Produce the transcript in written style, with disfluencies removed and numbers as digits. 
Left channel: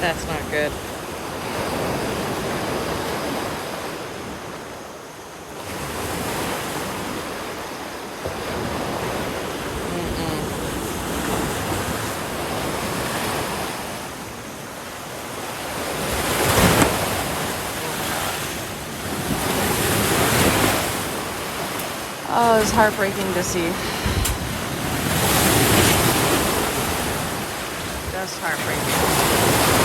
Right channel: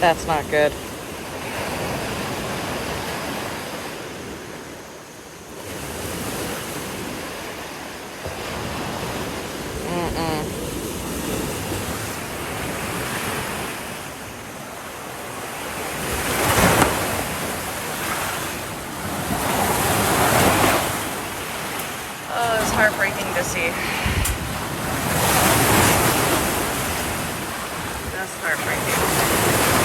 That's not good. Oh, it's heartbreaking to see. Just heartbreaking.